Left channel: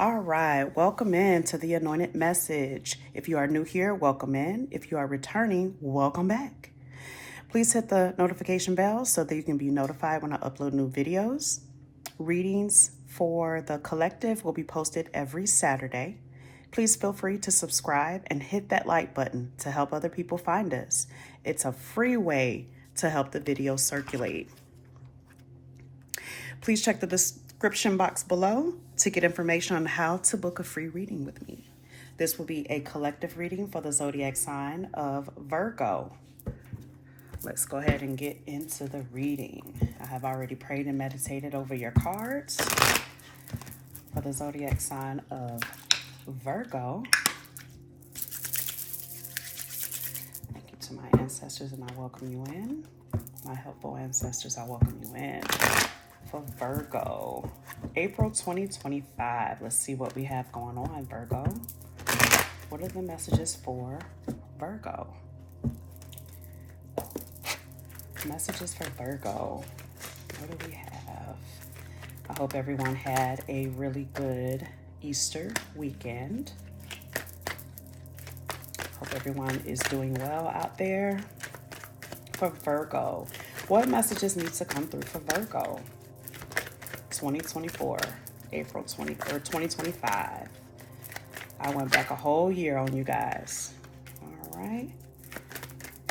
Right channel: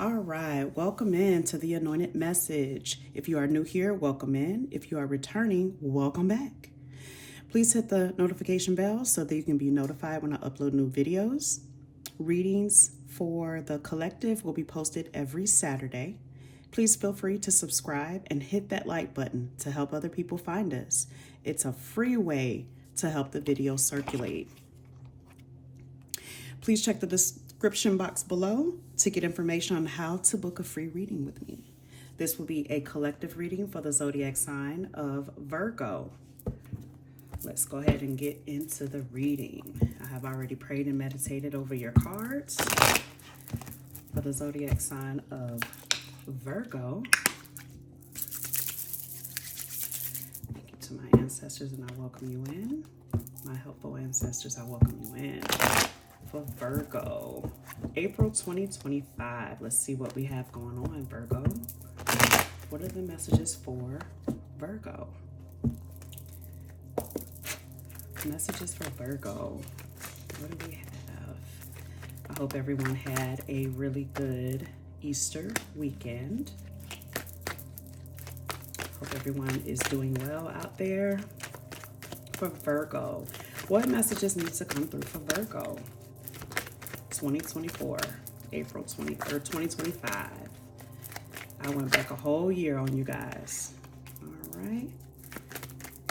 All right, welcome in to the Anointed Message. If you are new here, welcome in. If you are returning, welcome back. Please hit the notification bell so that you can be notified when I upload new videos. Readings for the collective will be posted every Saturday. Please feel free to subscribe and hit that like button to help other people find us. It's a free way to help the video circulate. Please check the description box below to get information on how to book a free reading with me. This will be a collective reading for the zodiac sign of Virgo. Let's go ahead and get into the reading. I have already prayed and meditated over your cards for the zodiac sign of Virgo. Thank you to my ancestors, and I welcome you in. My helpful ancestors, I welcome you in. For Virgo, April 2025. Let's see what we have going on, Virgo. What are the messages for Virgo? Messages for Virgo. What do we have? I hope everyone had a really good Easter weekend. Hope everyone is doing well out there. For Virgo, what messages need to come through for Virgo? 2024, April 2025. I went back a whole year on you guys. All right,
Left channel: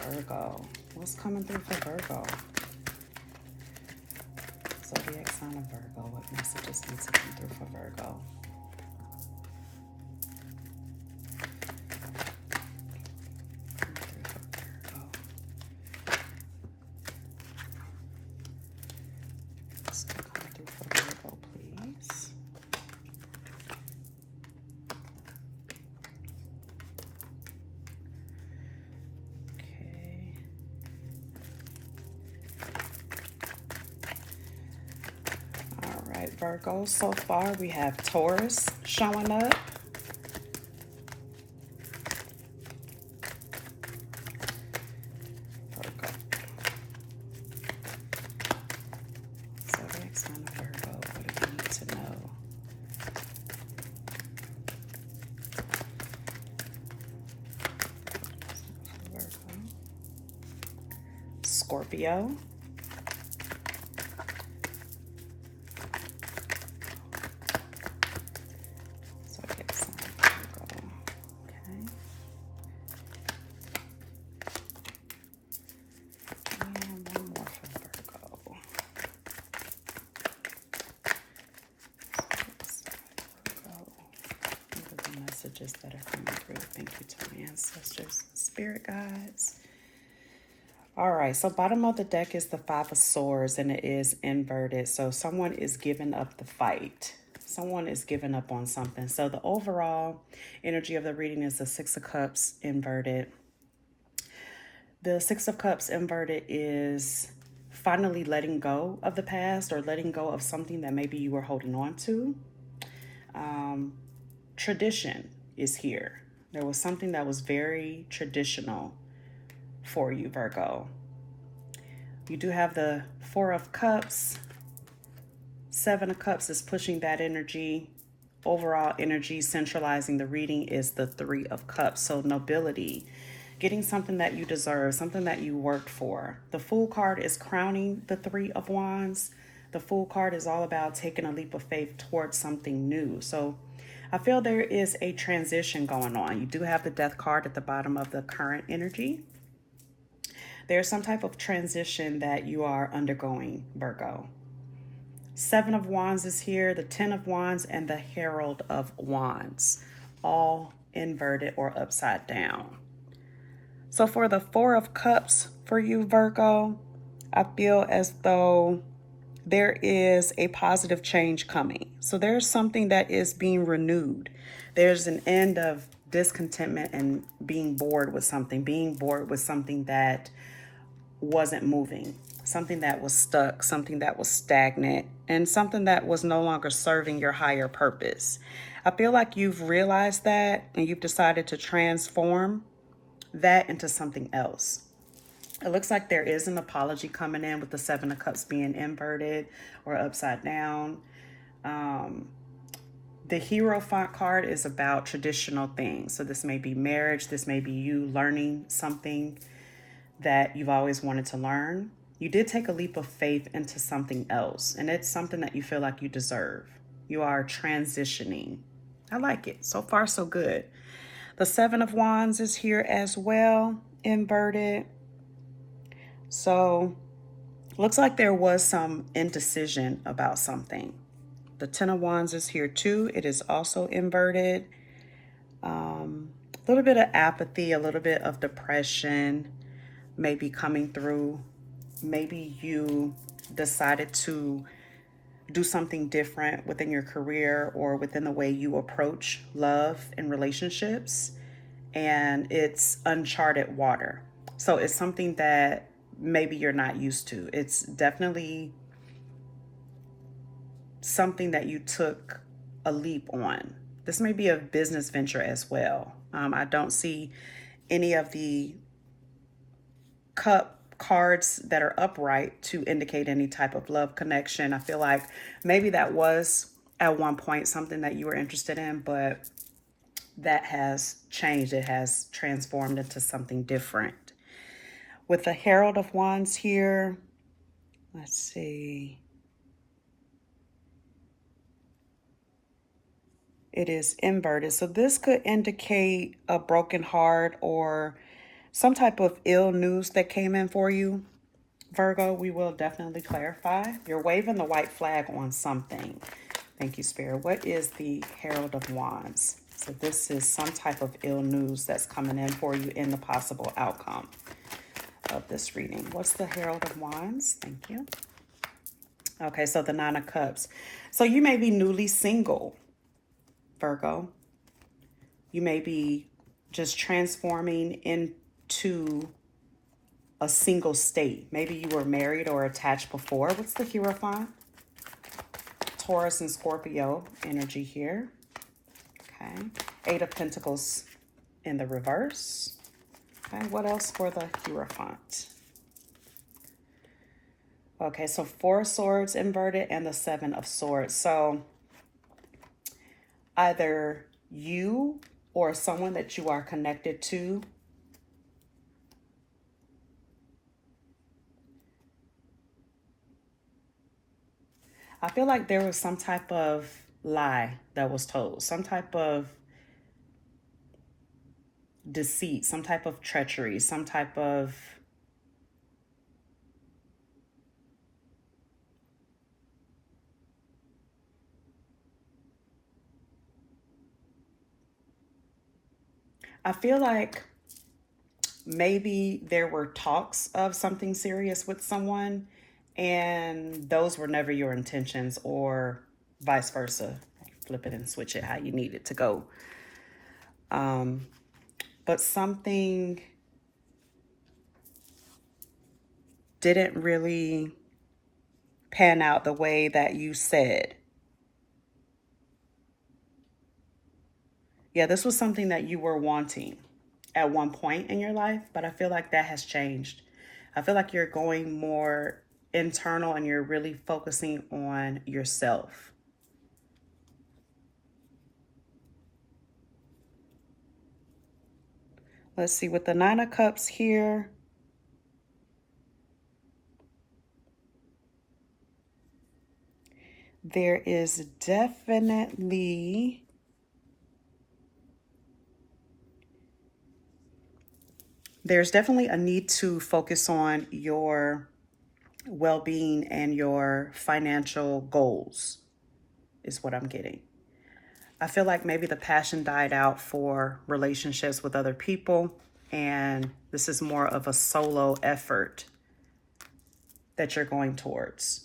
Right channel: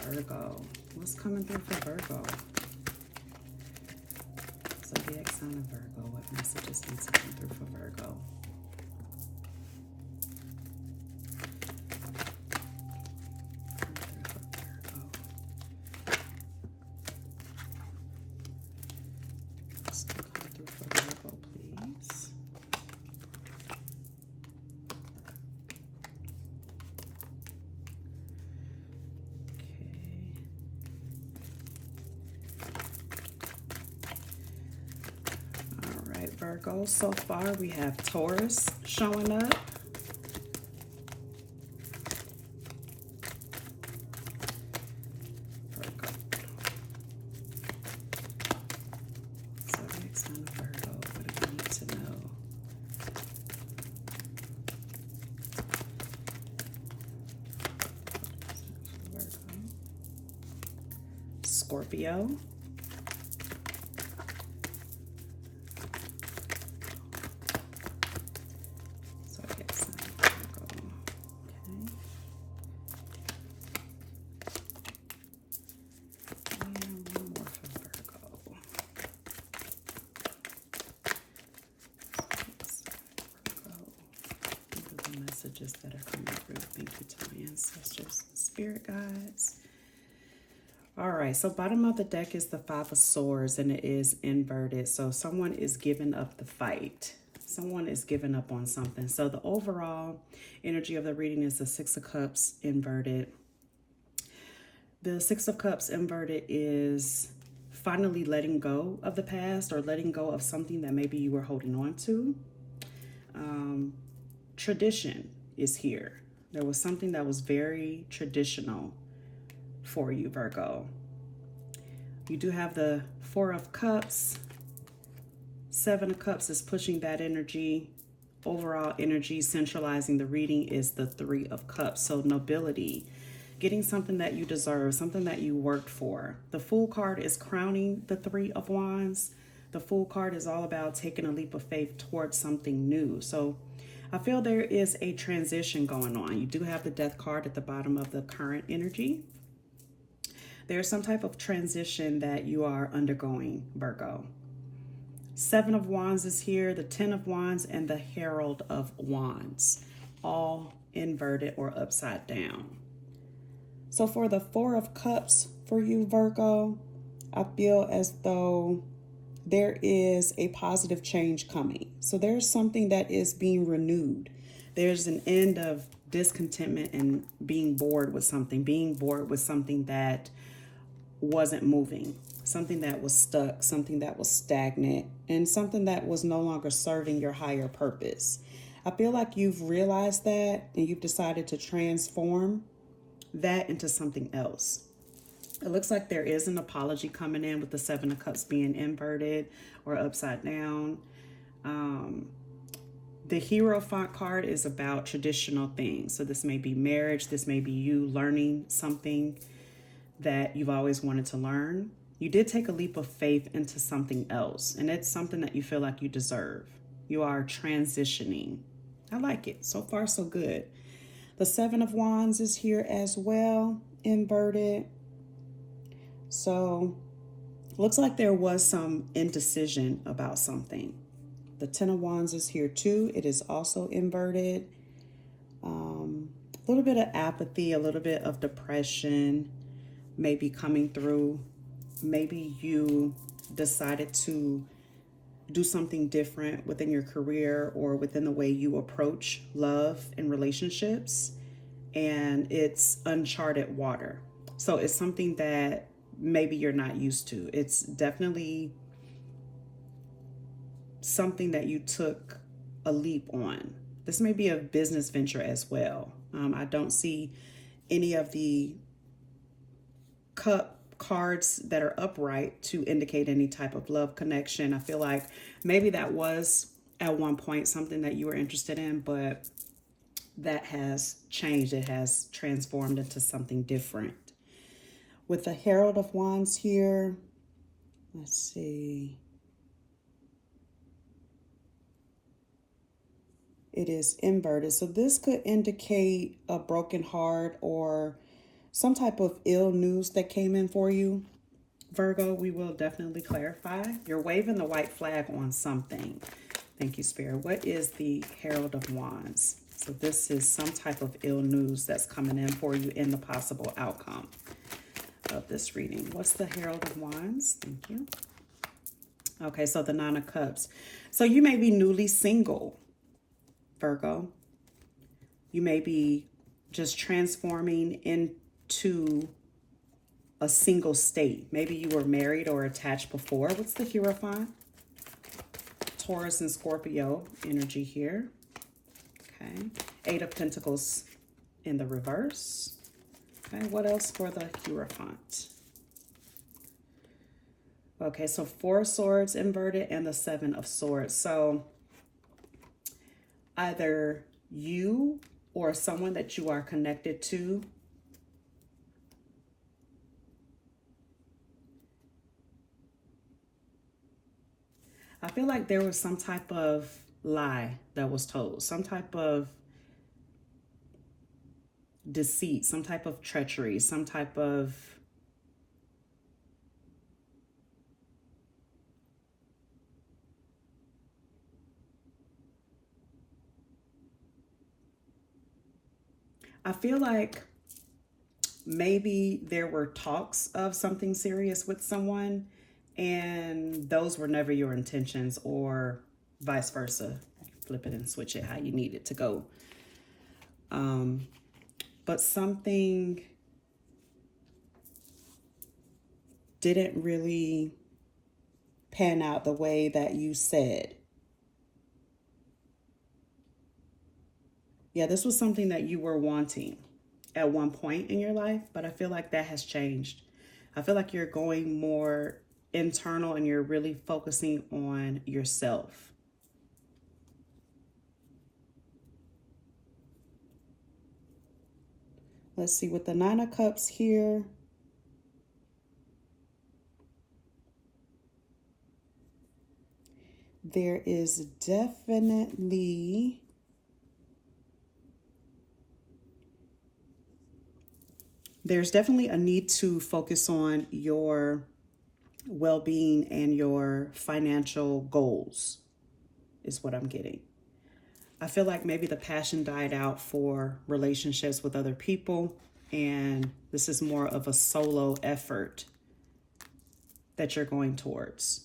Virgo. What's coming through for Virgo? Zodiac sign of Virgo. What messages need to come through for Virgo? Virgo, so far we have Taurus showing up. Virgo. Zodiac sign of Virgo. What do we need to know? Virgo. Scorpio. Messages that are coming through. Thank you to my ancestors, spirit guides. All right, so bottom of the deck is the Five of Swords, and it is inverted. So someone is giving up the fight. Someone is giving up on something. So the overall energy of the reading is the Six of Cups inverted. The Six of Cups inverted is finally letting go of the past, or letting go of something that maybe you were holding on to. Tradition is here. There was something that was very traditional for you, Virgo. You do have the Four of Cups. Seven of Cups is pushing that energy. Overall energy centralizing the reading is the Three of Cups. So nobility, getting something that you deserve, something that you worked for. The Fool card is crowning the Three of Wands. The Fool card is all about taking a leap of faith towards something new. So I feel there is a transition going on. You do have the Death card at the bottom of the current energy. There's some type of transition that you are undergoing, Virgo. Seven of Wands is here, the 10 of Wands, and the Herald of Wands, all inverted or upside down. So for the Four of Cups for you, Virgo, I feel as though there is a positive change coming. So there's something that is being renewed. There's an end of discontentment and being bored with something that wasn't moving, something that was stuck, something that was stagnant, and something that was no longer serving your higher purpose. I feel like you've realized that, and you've decided to transform that into something else. It looks like there is an apology coming in with the Seven of Cups being inverted or upside down. The Hierophant card is about traditional things. So this may be marriage. This may be you learning something that you've always wanted to learn. You did take a leap of faith into something else, and it's something that you feel like you deserve. You are transitioning. I like it. So far, so good. The Seven of Wands is here as well, inverted. So looks like there was some indecision about something. The Ten of Wands is here too. It is also inverted. A little bit of apathy, a little bit of depression maybe coming through. Maybe you decided to do something different within your career or within the way you approach love and relationships, and it's uncharted water. So it's something that maybe you're not used to. It's definitely something that you took a leap on. This may be a business venture as well. I don't see any of the cup cards that are upright to indicate any type of love connection. I feel like maybe that was at one point something that you were interested in, but that has changed. It has transformed into something different. With the Herald of Wands here, let's see. It is inverted. So this could indicate a broken heart or some type of ill news that came in for you, Virgo. We will definitely clarify. You're waving the white flag on something. Thank you, Spirit. What is the Herald of Wands? So this is some type of ill news that's coming in for you in the possible outcome of this reading. What's the Herald of Wands? Thank you. Okay, so the Nine of Cups. So you may be newly single, Virgo. You may be just transforming into a single state. Maybe you were married or attached before. What's the Hierophant? Taurus and Scorpio energy here. Okay. Eight of Pentacles in the reverse. Okay, what else for the Hierophant? Okay, so Four of Swords inverted and the Seven of Swords. So either you or someone that you are connected to I feel like there was some type of lie that was told, some type of deceit, some type of treachery, some type of I feel like maybe there were talks of something serious with someone and those were never your intentions, or vice versa. Flip it and switch it how you need it to go. But something didn't really pan out the way that you said. Yeah, this was something that you were wanting at one point in your life, but I feel like that has changed. I feel like you're going more internal and you're really focusing on yourself. Let's see, with the Nine of Cups here, there is definitely a need to focus on your well-being and your financial goals is what I'm getting. I feel like maybe the passion died out for relationships with other people, and this is more of a solo effort that you're going towards.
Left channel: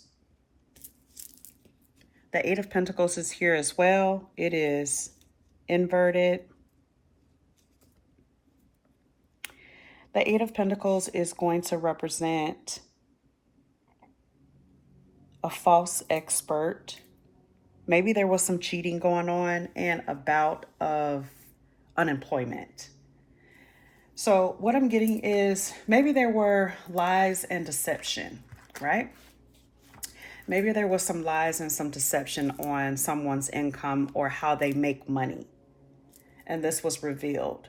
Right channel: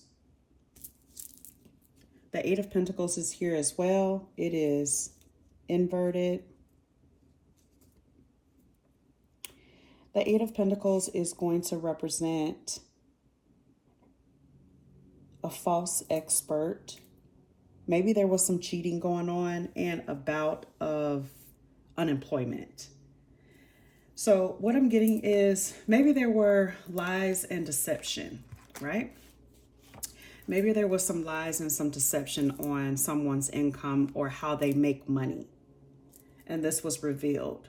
The Eight of Pentacles is here as well. It is inverted. The Eight of Pentacles is going to represent a false expert. Maybe there was some cheating going on and a bout of unemployment. So what I'm getting is maybe there were lies and deception, right? Maybe there was some lies and some deception on someone's income or how they make money. And this was revealed.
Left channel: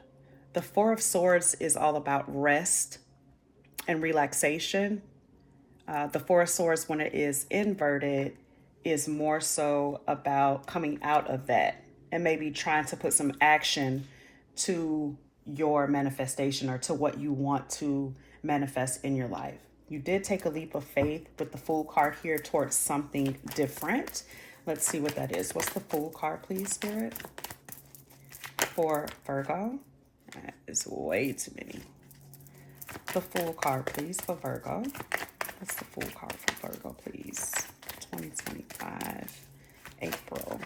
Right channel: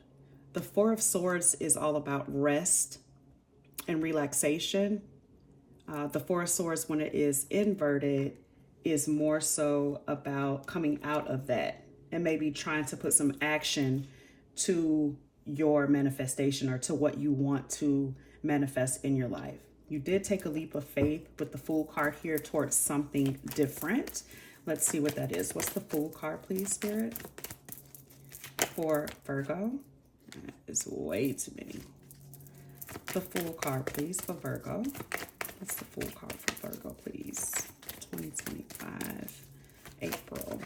The Four of Swords is all about rest and relaxation. The Four of Swords, when it is inverted, is more so about coming out of that and maybe trying to put some action to your manifestation or to what you want to manifest in your life. You did take a leap of faith with the Fool card here towards something different. Let's see what that is. What's the Fool card, please, Spirit? For Virgo. That is way too many. The Fool card, please, for Virgo. What's the Fool card for Virgo, please? 2025, April.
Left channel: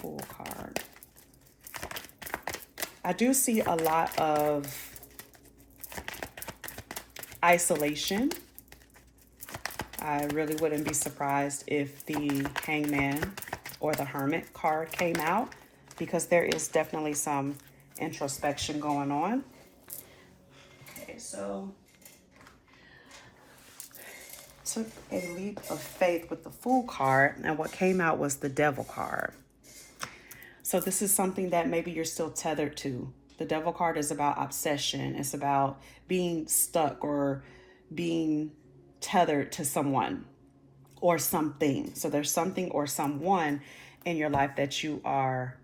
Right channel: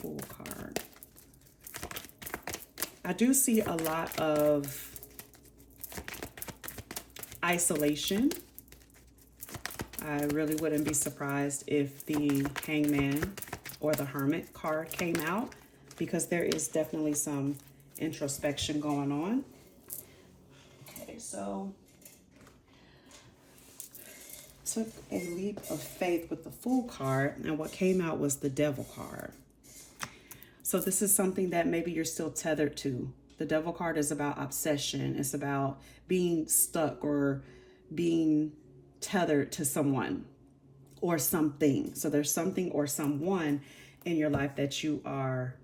Fool card. I do see a lot of isolation. I really wouldn't be surprised if the Hangman or the Hermit card came out, because there is definitely some introspection going on. Okay, so took a leap of faith with the Fool card, and what came out was the Devil card. So this is something that maybe you're still tethered to. The Devil card is about obsession. It's about being stuck or being tethered to someone or something. So there's something or someone in your life that you are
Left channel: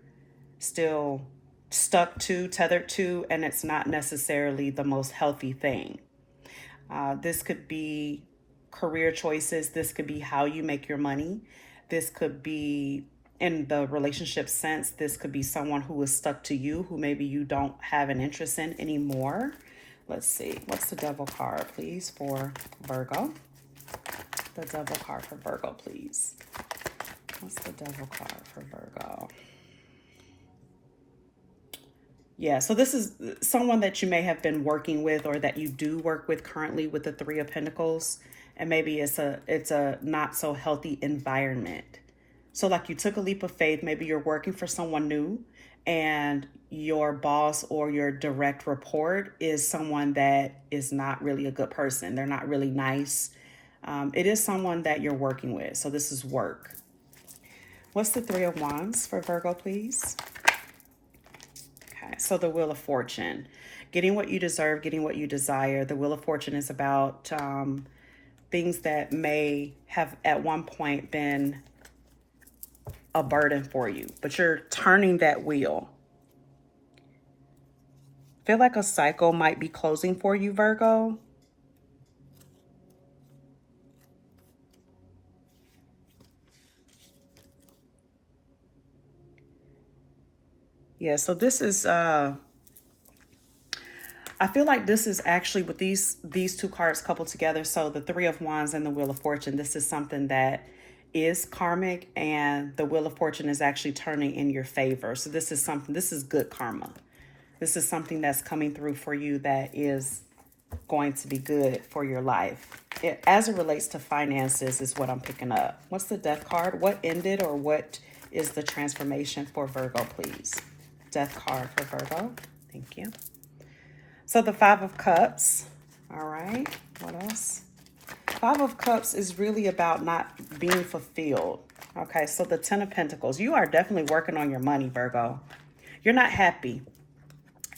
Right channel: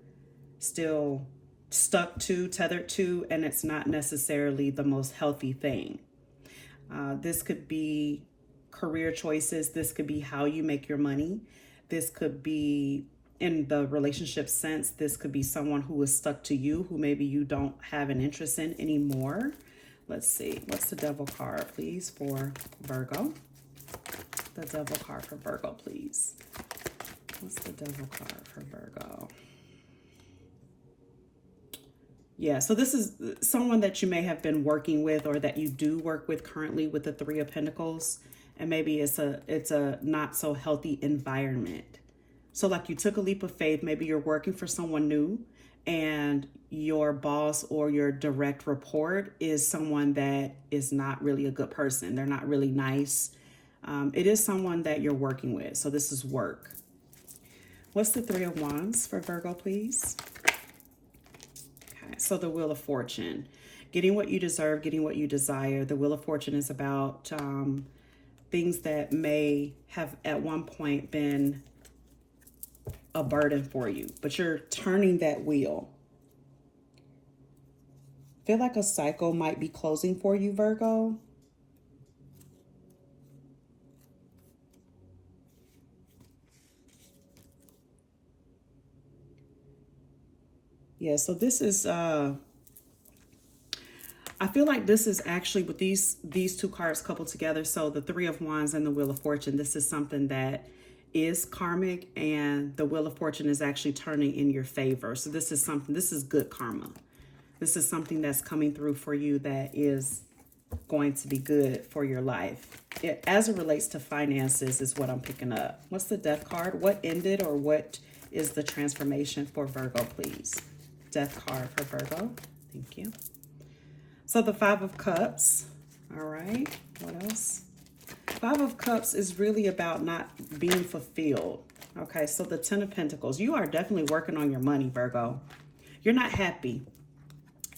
still stuck to, tethered to, and it's not necessarily the most healthy thing. This could be career choices. This could be how you make your money. This could be in the relationship sense. This could be someone who is stuck to you, who maybe you don't have an interest in anymore. Let's see. What's the Devil card, please, for Virgo? The Devil card for Virgo, please. What's the Devil card for Virgo? Yeah, so this is someone that you may have been working with or that you do work with currently with the Three of Pentacles. And maybe it's a not so healthy environment. So like you took a leap of faith, maybe you're working for someone new and your boss or your direct report is someone that is not really a good person. They're not really nice. It is someone that you're working with. So this is work. What's the Three of Wands for Virgo, please? Okay, so the Wheel of Fortune. Getting what you deserve, getting what you desire. The Wheel of Fortune is about things that may have at one point been a burden for you, but you're turning that wheel. Feel like a cycle might be closing for you, Virgo. Yeah, so this is I feel like this is actually with these two cards coupled together. So the Three of Wands and the Wheel of Fortune, this is something that is karmic, and the Wheel of Fortune is actually turning in your favor. So this is something, this is good karma. This is something that's coming through for you that is going to be good for your life. As it relates to finances is what I'm picking up. What's the Death card? What ended or what is the transformation for Virgo, please? Death card for Virgo. Thank you. So the Five of Cups. All right. What else? Five of Cups is really about not being fulfilled. Okay, so the Ten of Pentacles. You are definitely working on your money, Virgo. You're not happy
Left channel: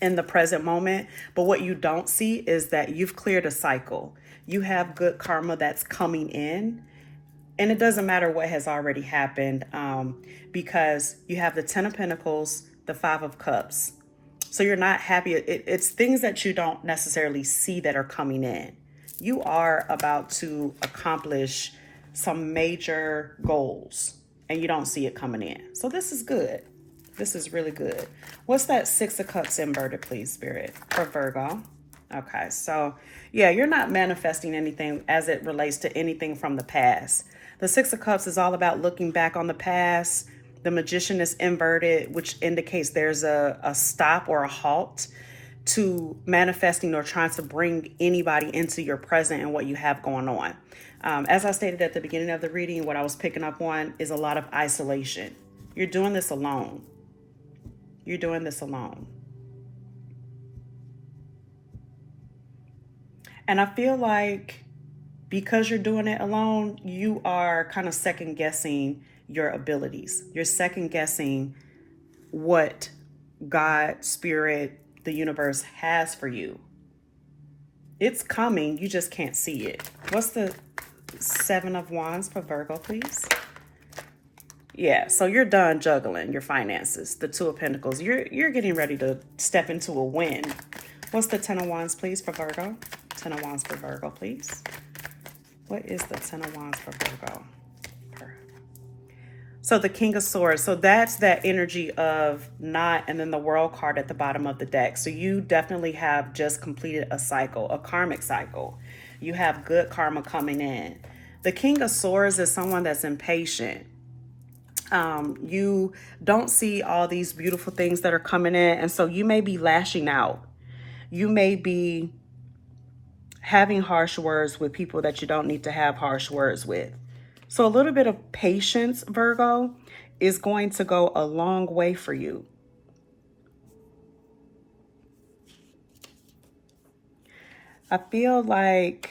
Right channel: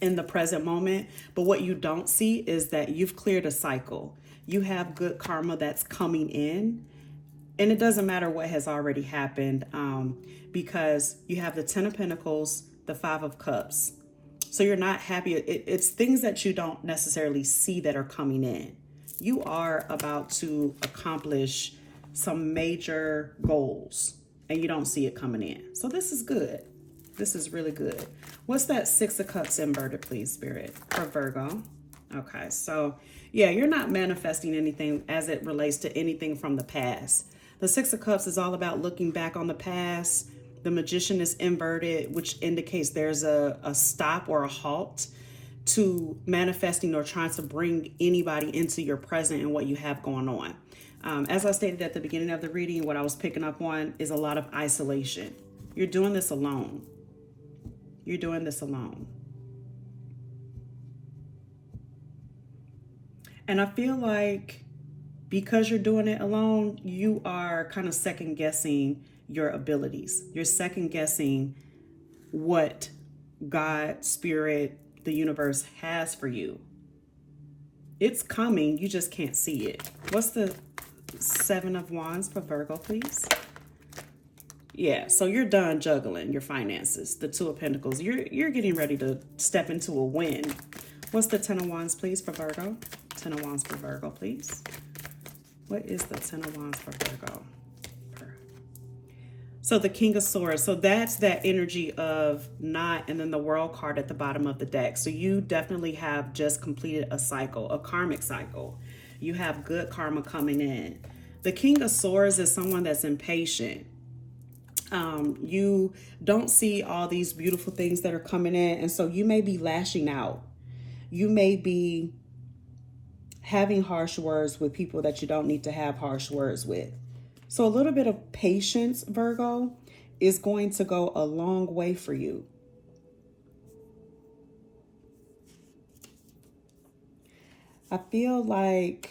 in the present moment, but what you don't see is that you've cleared a cycle. You have good karma that's coming in, and it doesn't matter what has already happened because you have the Ten of Pentacles, the Five of Cups. So you're not happy. It's things that you don't necessarily see that are coming in. You are about to accomplish some major goals and you don't see it coming in. So this is good. This is really good. What's that Six of Cups inverted, please, Spirit, for Virgo? Okay, so yeah, you're not manifesting anything as it relates to anything from the past. The Six of Cups is all about looking back on the past. The Magician is inverted, which indicates there's a stop or a halt to manifesting or trying to bring anybody into your present and what you have going on. As I stated at the beginning of the reading, what I was picking up on is a lot of isolation. You're doing this alone. You're doing this alone. And I feel like because you're doing it alone, you are kind of second guessing your abilities. You're second guessing what God, Spirit, the universe has for you. It's coming, you just can't see it. What's the Seven of Wands for Virgo, please? Yeah, so you're done juggling your finances. The Two of Pentacles, you're getting ready to step into a win. What's the Ten of Wands, please, for Virgo? Ten of Wands for Virgo, please. What is the Ten of Wands for Virgo? So the King of Swords, so that's that energy of not, and then the World card at the bottom of the deck. So you definitely have just completed a cycle, a karmic cycle. You have good karma coming in. The King of Swords is someone that's impatient. You don't see all these beautiful things that are coming in, and so you may be lashing out. You may be having harsh words with people that you don't need to have harsh words with. So a little bit of patience, Virgo, is going to go a long way for you. I feel like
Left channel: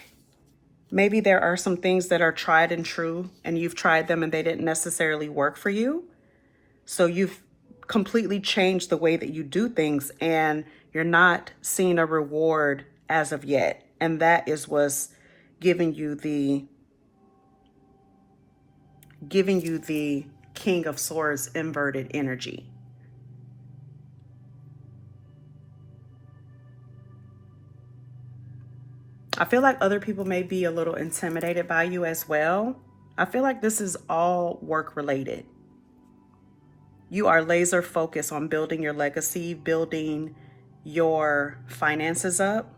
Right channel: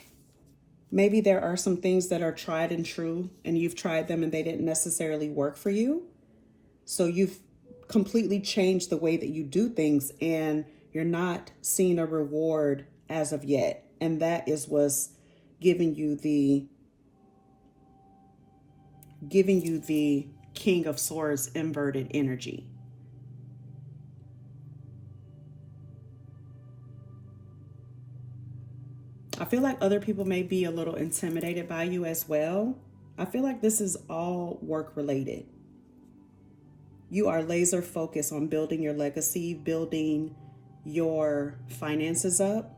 maybe there are some things that are tried and true, and you've tried them and they didn't necessarily work for you. So you've completely changed the way that you do things, and you're not seeing a reward as of yet. And that is what's giving you the King of Swords inverted energy. I feel like other people may be a little intimidated by you as well. I feel like this is all work related. You are laser focused on building your legacy, building your finances up.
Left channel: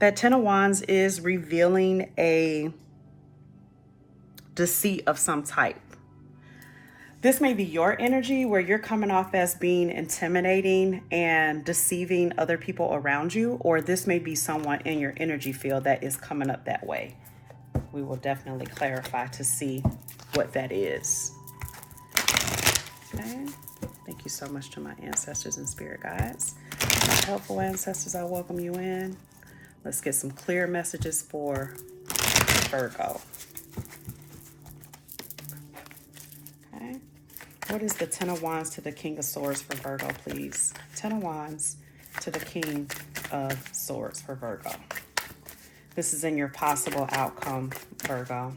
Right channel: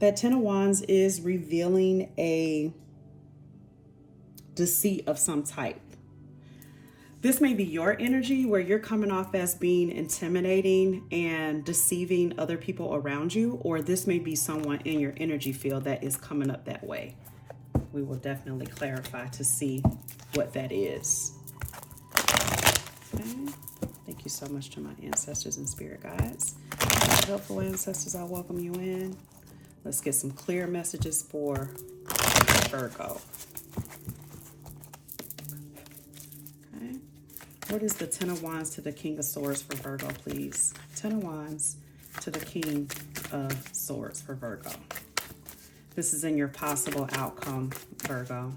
That Ten of Wands is revealing a deceit of some type. This may be your energy where you're coming off as being intimidating and deceiving other people around you, or this may be someone in your energy field that is coming up that way. We will definitely clarify to see what that is. Okay. Thank you so much to my ancestors and spirit guides. Helpful ancestors, I welcome you in. Let's get some clear messages for Virgo. Okay. What is the Ten of Wands to the King of Swords for Virgo, please? Ten of Wands to the King of Swords for Virgo. This is in your possible outcome, Virgo.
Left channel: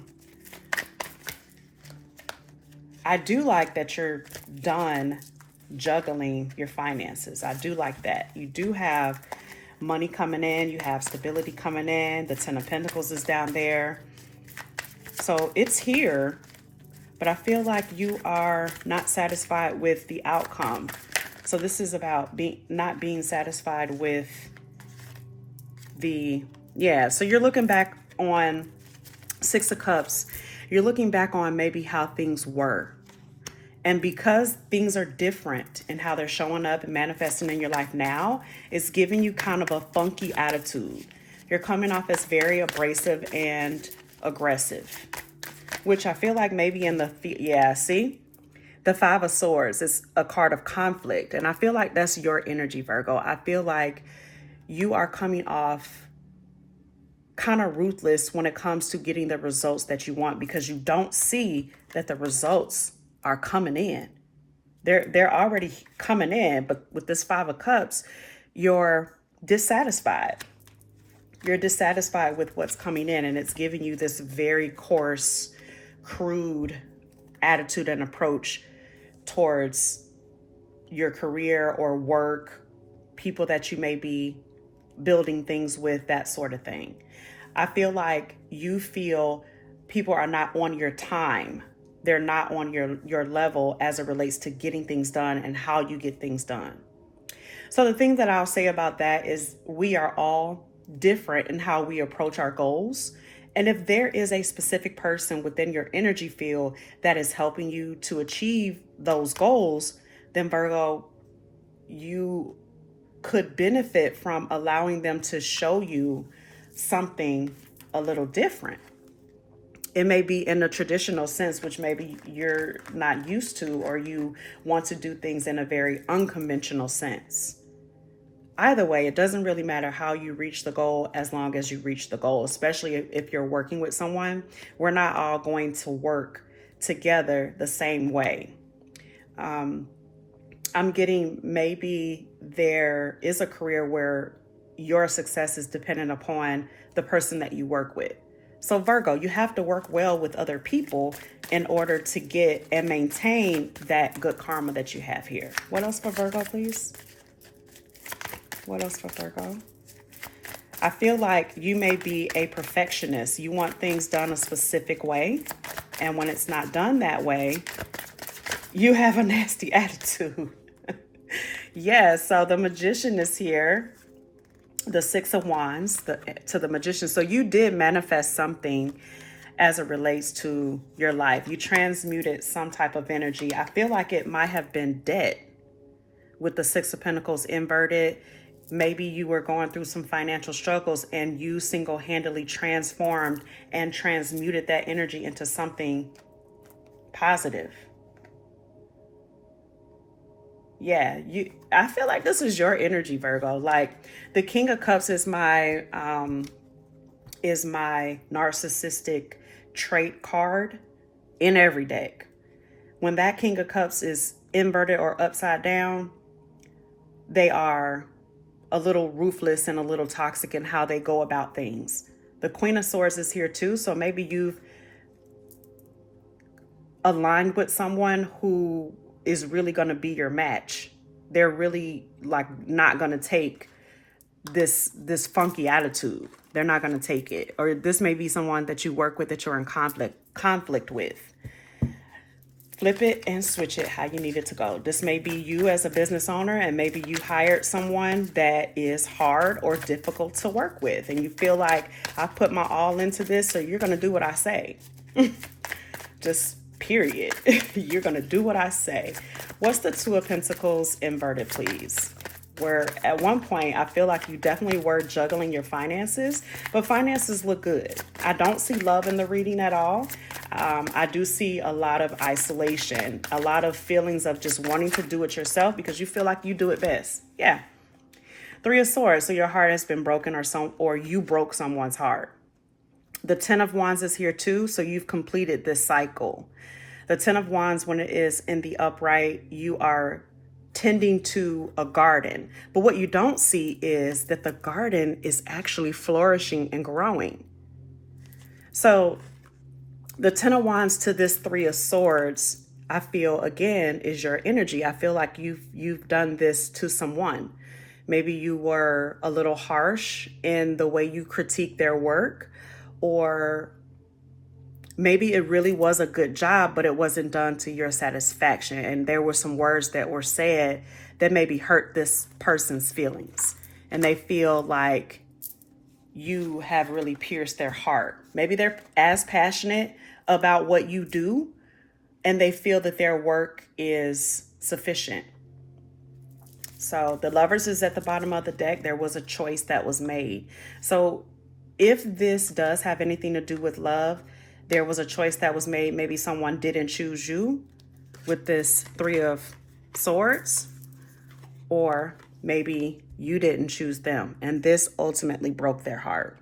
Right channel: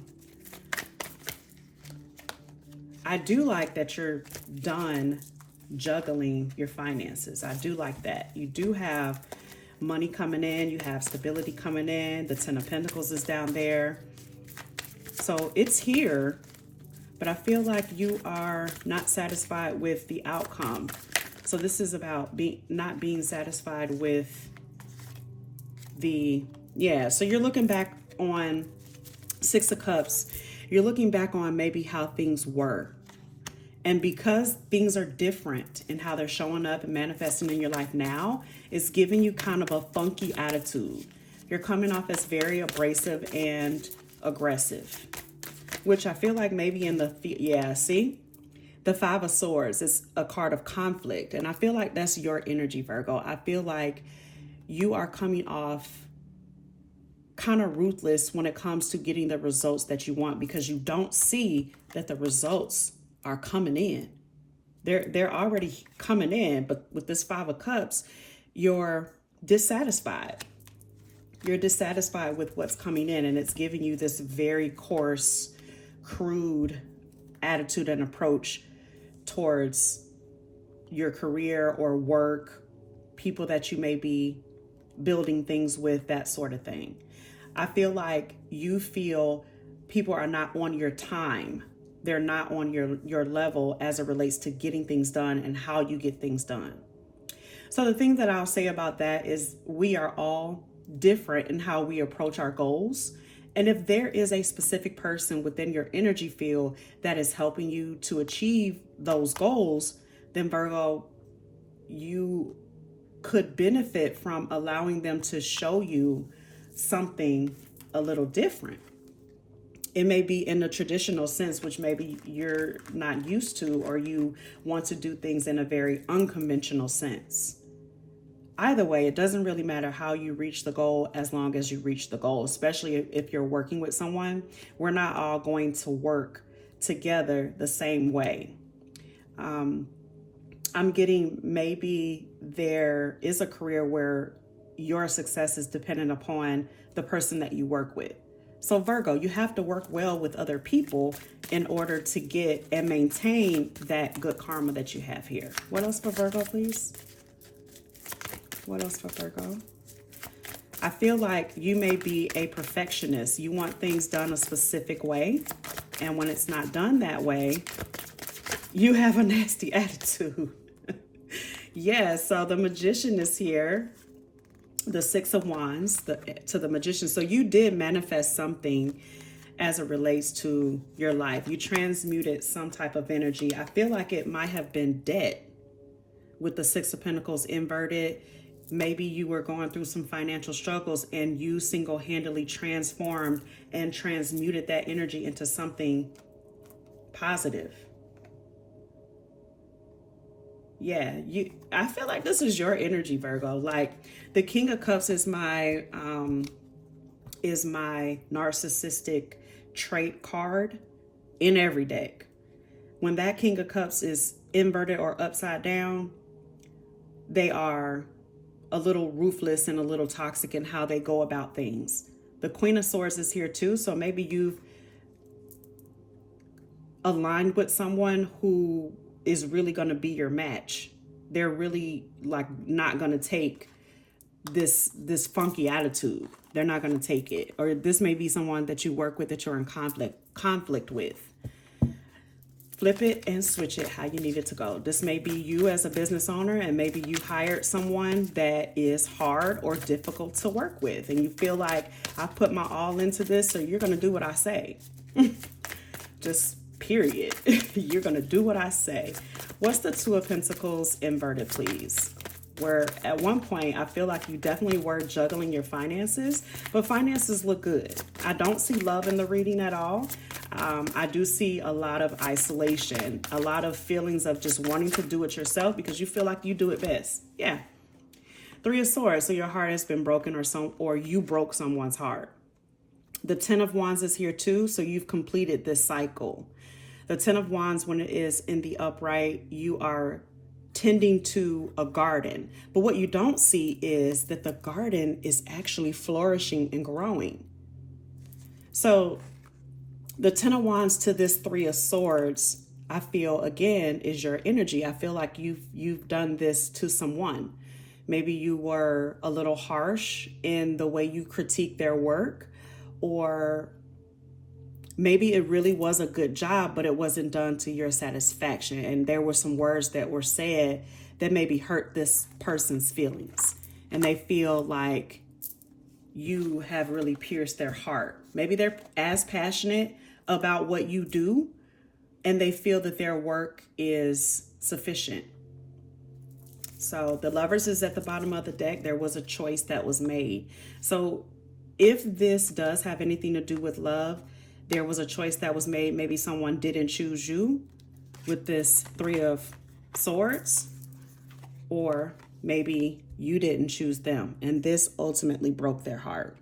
I do like that you're done juggling your finances. I do like that. You do have money coming in, you have stability coming in, the Ten of Pentacles is down there. So it's here, but I feel like you are not satisfied with the outcome. So this is about not being satisfied with the, so you're looking back on Six of Cups. You're looking back on maybe how things were. And because things are different in how they're showing up and manifesting in your life now, it's giving you kind of a funky attitude. You're coming off as very abrasive and aggressive, which I feel like maybe in the, the Five of Swords is a card of conflict. And I feel like that's your energy, Virgo. I feel like you are coming off kind of ruthless when it comes to getting the results that you want, because you don't see that the results are coming in. They're already coming in, but with this Five of Cups, you're dissatisfied. You're dissatisfied with what's coming in, and it's giving you this very coarse, crude attitude and approach towards your career or work, people that you may be building things with, that sort of thing. I feel like you feel people are not on your time. They're not on your level as it relates to getting things done and how you get things done. So the thing that I'll say about that is we are all different in how we approach our goals. And if there is a specific person within your energy field that is helping you to achieve those goals, then Virgo, you could benefit from allowing them to show you something a little different. It may be in a traditional sense, which maybe you're not used to, or you want to do things in a very unconventional sense. either way, it doesn't really matter how you reach the goal as long as you reach the goal, especially if you're working with someone. We're not all going to work together the same way. I'm getting maybe there is a career where your success is dependent upon the person that you work with. So Virgo, you have to work well with other people in order to get and maintain that good karma that you have here. What else for Virgo, please? What else for Virgo? I feel like you may be a perfectionist. You want things done a specific way. And when it's not done that way, you have a nasty attitude. Yes, so the Magician is here. The Six of Wands to the Magician. So you did manifest something as it relates to your life. You transmuted some type of energy. I feel like it might have been debt with the Six of Pentacles inverted. Maybe you were going through some financial struggles and you single-handedly transformed and transmuted that energy into something positive. Yeah, I feel like this is your energy, Virgo. Like the King of Cups is my narcissistic trait card in every deck. When that King of Cups is inverted or upside down, they are a little ruthless and a little toxic in how they go about things. The Queen of Swords is here too, so maybe you've aligned with someone who is really going to be your match. They're really like not going to take this funky attitude. They're not going to take it. Or this may be someone that you work with that you're in conflict with. Flip it and switch it how you need it to go. This may be you as a business owner, and maybe you hired someone that is hard or difficult to work with, and you feel like I put my all into this, so you're going to do what I say. Just period. You're going to do what I say. What's the Two of Pentacles inverted, please? Where at one point, I feel like you definitely were juggling your finances, but finances look good. I don't see love in the reading at all. I do see a lot of isolation, a lot of feelings of just wanting to do it yourself because you feel like you do it best. Yeah. Three of Swords. So your heart has been broken, or you broke someone's heart. The Ten of Wands is here too. So you've completed this cycle. The Ten of Wands, when it is in the upright, you are tending to a garden. But what you don't see is that the garden is actually flourishing and growing. So the Ten of Wands to this Three of Swords, I feel again is your energy. I feel like you've done this to someone. Maybe you were a little harsh in the way you critique their work, or maybe it really was a good job, but it wasn't done to your satisfaction. And there were some words that were said that maybe hurt this person's feelings. And they feel like you have really pierced their heart. Maybe they're as passionate about what you do, and they feel that their work is sufficient. So the Lovers is at the bottom of the deck. There was a choice that was made. So if this does have anything to do with love, there was a choice that was made. Maybe someone didn't choose you with this Three of Swords, or maybe you didn't choose them, and this ultimately broke their heart.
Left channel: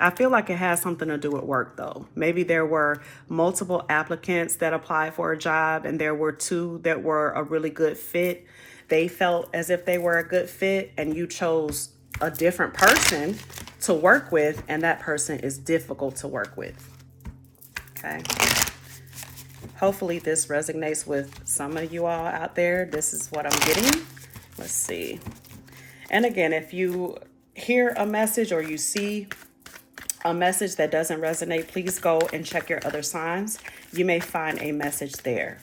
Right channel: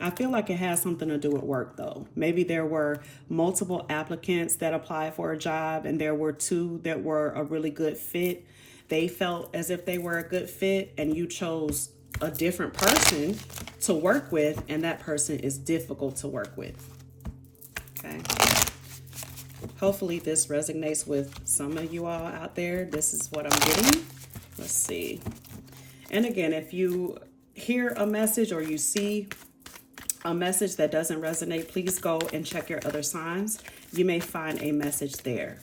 I feel like it has something to do with work though. Maybe there were multiple applicants that applied for a job, and there were two that were a really good fit. They felt as if they were a good fit, and you chose a different person to work with, and that person is difficult to work with. Okay. Hopefully this resonates with some of you all out there. This is what I'm getting. Let's see. And again, if you hear a message or you see a message that doesn't resonate, please go and check your other signs. You may find a message there.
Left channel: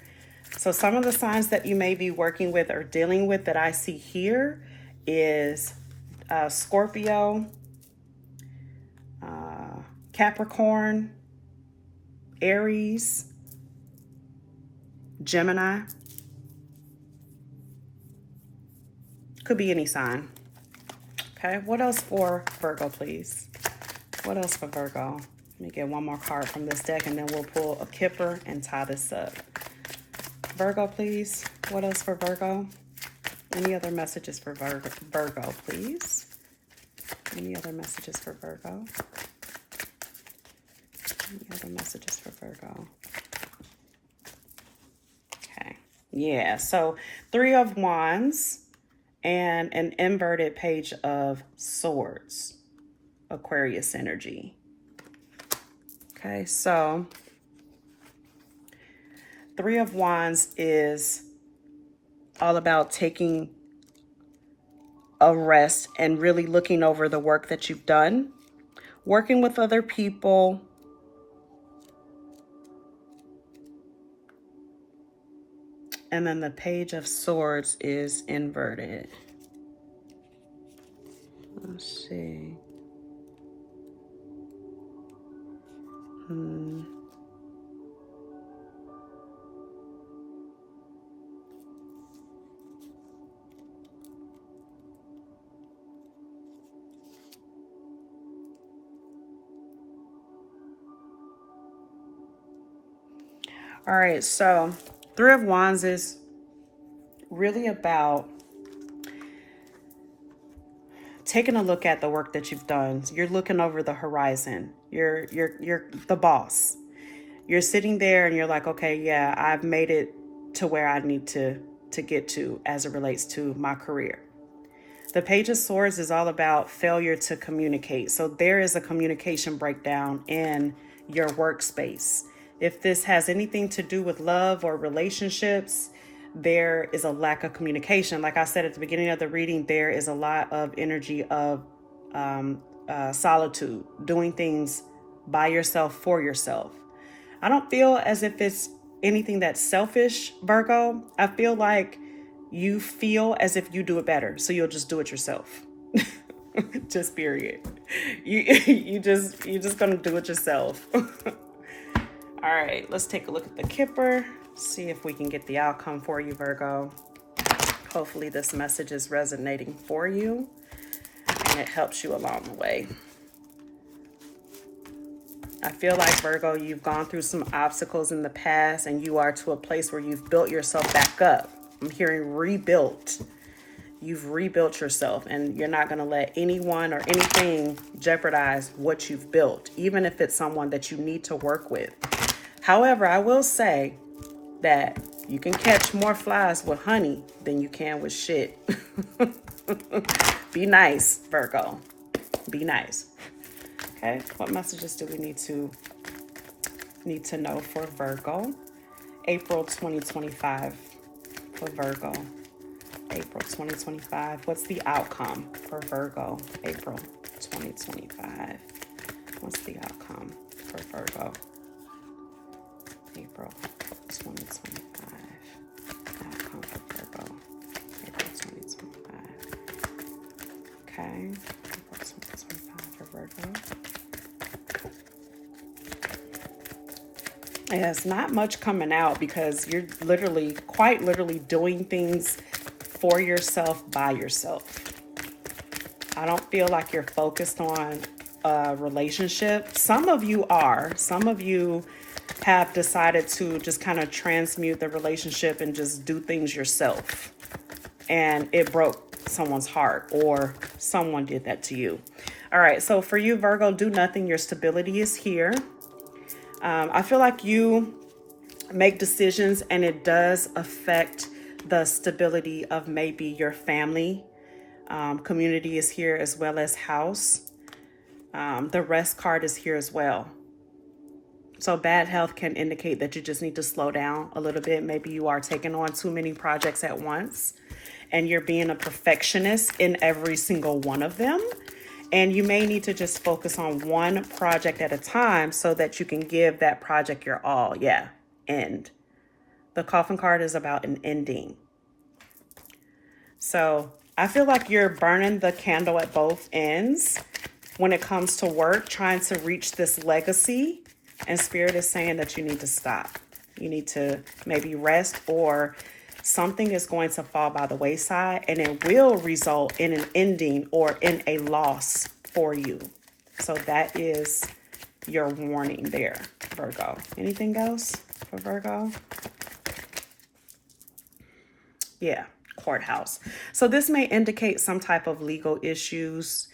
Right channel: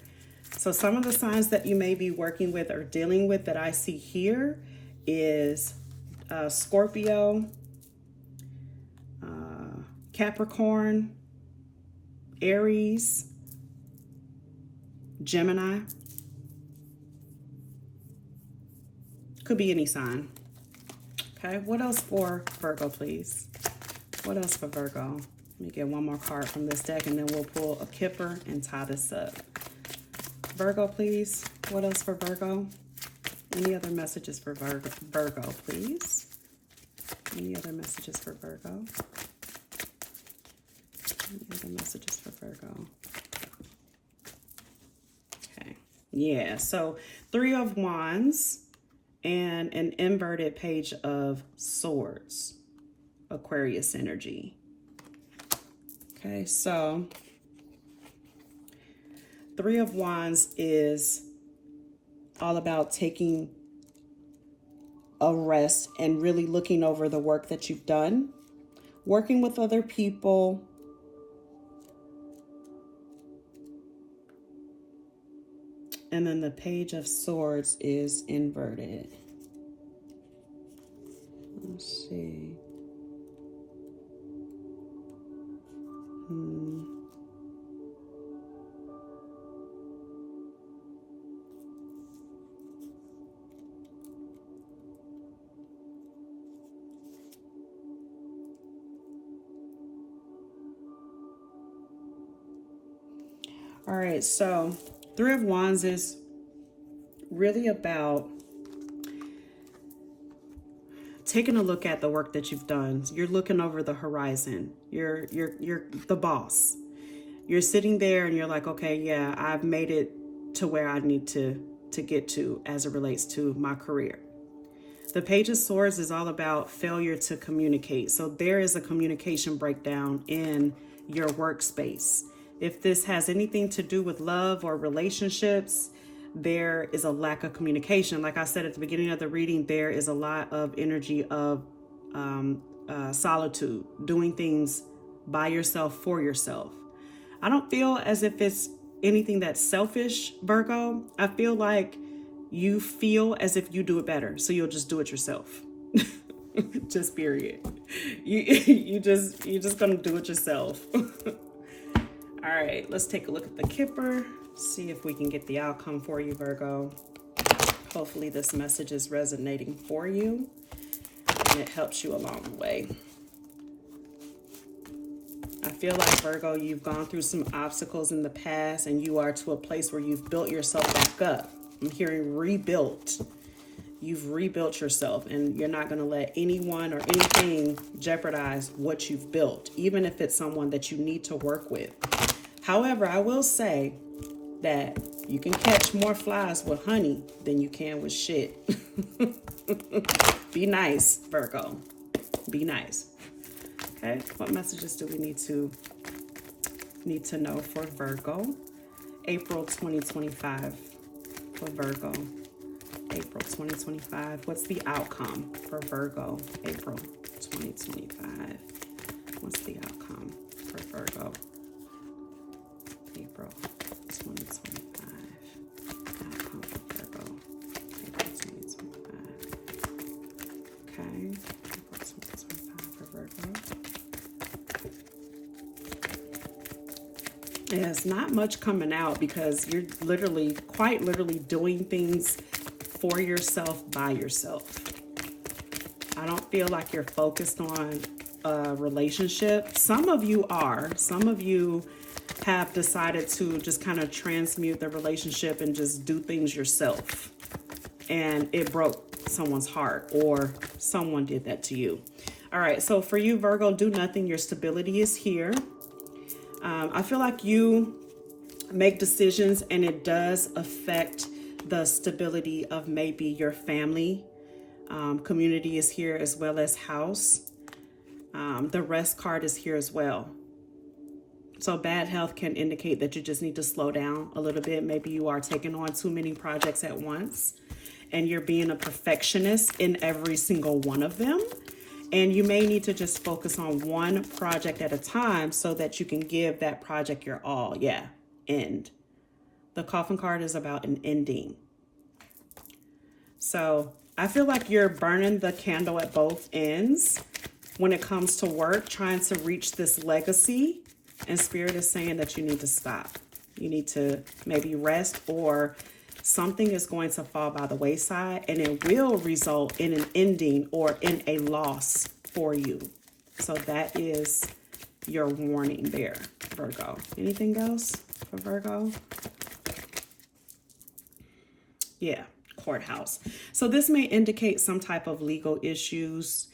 So some of the signs that you may be working with or dealing with that I see here is Scorpio, Capricorn, Aries, Gemini. Could be any sign. Okay, what else for Virgo, please? What else for Virgo? Let me get one more card from this deck, and then we'll pull a kipper and tie this up. Virgo, please. What else for Virgo? Any other messages for Virgo, please? Any other messages for Virgo? Any other messages for Virgo? Okay. Yeah, so 3 of Wands and an inverted Page of Swords. Aquarius energy. Okay, so 3 of Wands is all about taking a rest and really looking over the work that you've done, working with other people, and then the Page of Swords is inverted. Let's see. All right, so 3 of Wands is really about taking a look at the work that you've done. You're looking over the horizon. You're the boss. You're sitting there and you're like, okay, yeah, I've made it to where I need to get to as it relates to my career. The Page of Swords is all about failure to communicate. So there is a communication breakdown in your workspace. If this has anything to do with love or relationships, there is a lack of communication. Like I said at the beginning of the reading, there is a lot of energy of solitude, doing things by yourself, for yourself. I don't feel as if it's anything that's selfish, Virgo. I feel like you feel as if you do it better, so you'll just do it yourself. Just period. You just gonna do it yourself. All right, let's take a look at the Kipper, see if we can get the outcome for you, Virgo. Hopefully this message is resonating for you and it helps you along the way. I feel like, Virgo, you've gone through some obstacles in the past and you are to a place where you've built yourself back up. I'm hearing rebuilt. You've rebuilt yourself and you're not going to let anyone or anything jeopardize what you've built, even if it's someone that you need to work with. However, I will say that you can catch more flies with honey than you can with shit. Be nice, Virgo. Be nice. Okay, what messages do we need to know for Virgo? April 2025 for Virgo. April 2025. What's the outcome for Virgo? April 2025. What's the outcome for Virgo? April 2025. Outcome for Virgo. April 2025. Okay. April 2025 for Virgo. There's not much coming out because you're quite literally doing things for yourself, by yourself. I don't feel like you're focused on a relationship. Some of you are. Some of you have decided to just kind of transmute the relationship and just do things yourself. And it broke someone's heart, or someone did that to you. All right, so for you, Virgo, do nothing. Your stability is here. I feel like you make decisions and it does affect the stability of maybe your family. Community is here as well as house. The rest card is here as well. So bad health can indicate that you just need to slow down a little bit. Maybe you are taking on too many projects at once and you're being a perfectionist in every single one of them. And you may need to just focus on one project at a time so that you can give that project your all. Yeah, end. The coffin card is about an ending. So I feel like you're burning the candle at both ends when it comes to work, trying to reach this legacy. And Spirit is saying that you need to stop. You need to maybe rest, or something is going to fall by the wayside and it will result in an ending or in a loss for you. So that is your warning there, Virgo. Anything else for Virgo? Yeah. courthouse. So this may indicate some type of legal issues,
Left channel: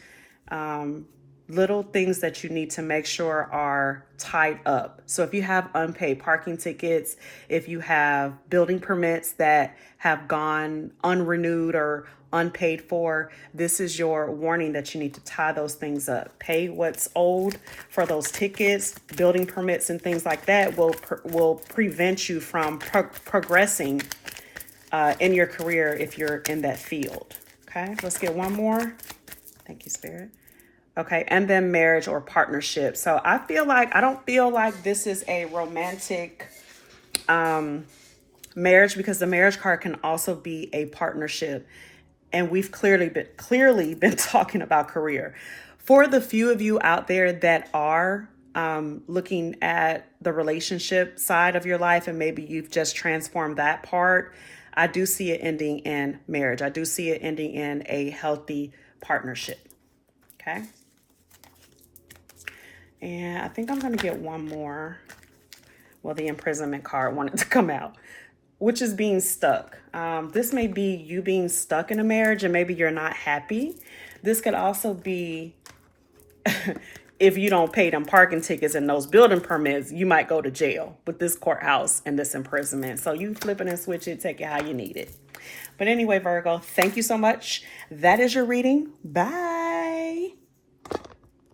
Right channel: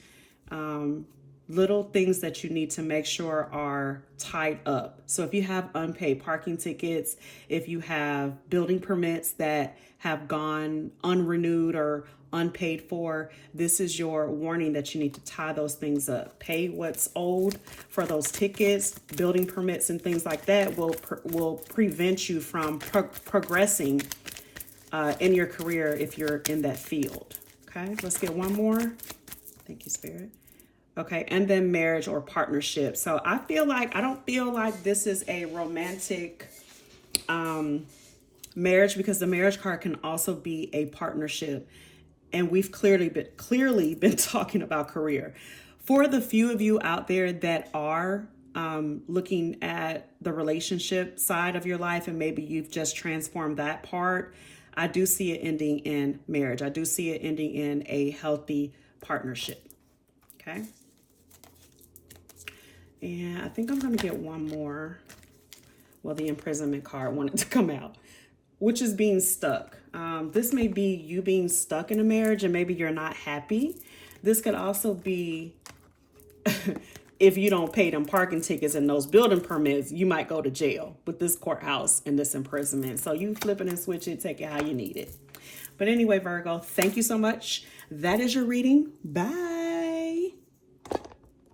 little things that you need to make sure are tied up. So if you have unpaid parking tickets, if you have building permits that have gone unrenewed or unpaid for, this is your warning that you need to tie those things up. Pay what's owed for those tickets, building permits, and things like that will prevent you from progressing in your career if you're in that field. Okay, let's get one more. Thank you, Spirit. Okay, and then marriage or partnership. So I don't feel like this is a romantic marriage, because the marriage card can also be a partnership. And we've clearly been talking about career. For the few of you out there that are looking at the relationship side of your life, and maybe you've just transformed that part, I do see it ending in marriage. I do see it ending in a healthy partnership. Okay. And I think I'm going to get one more. Well, the imprisonment card wanted to come out, which is being stuck. This may be you being stuck in a marriage and maybe you're not happy. This could also be if you don't pay them parking tickets and those building permits, you might go to jail with this courthouse and this imprisonment. So you flip it and switch it, take it how you need it. But anyway, Virgo, thank you so much. That is your reading. Bye.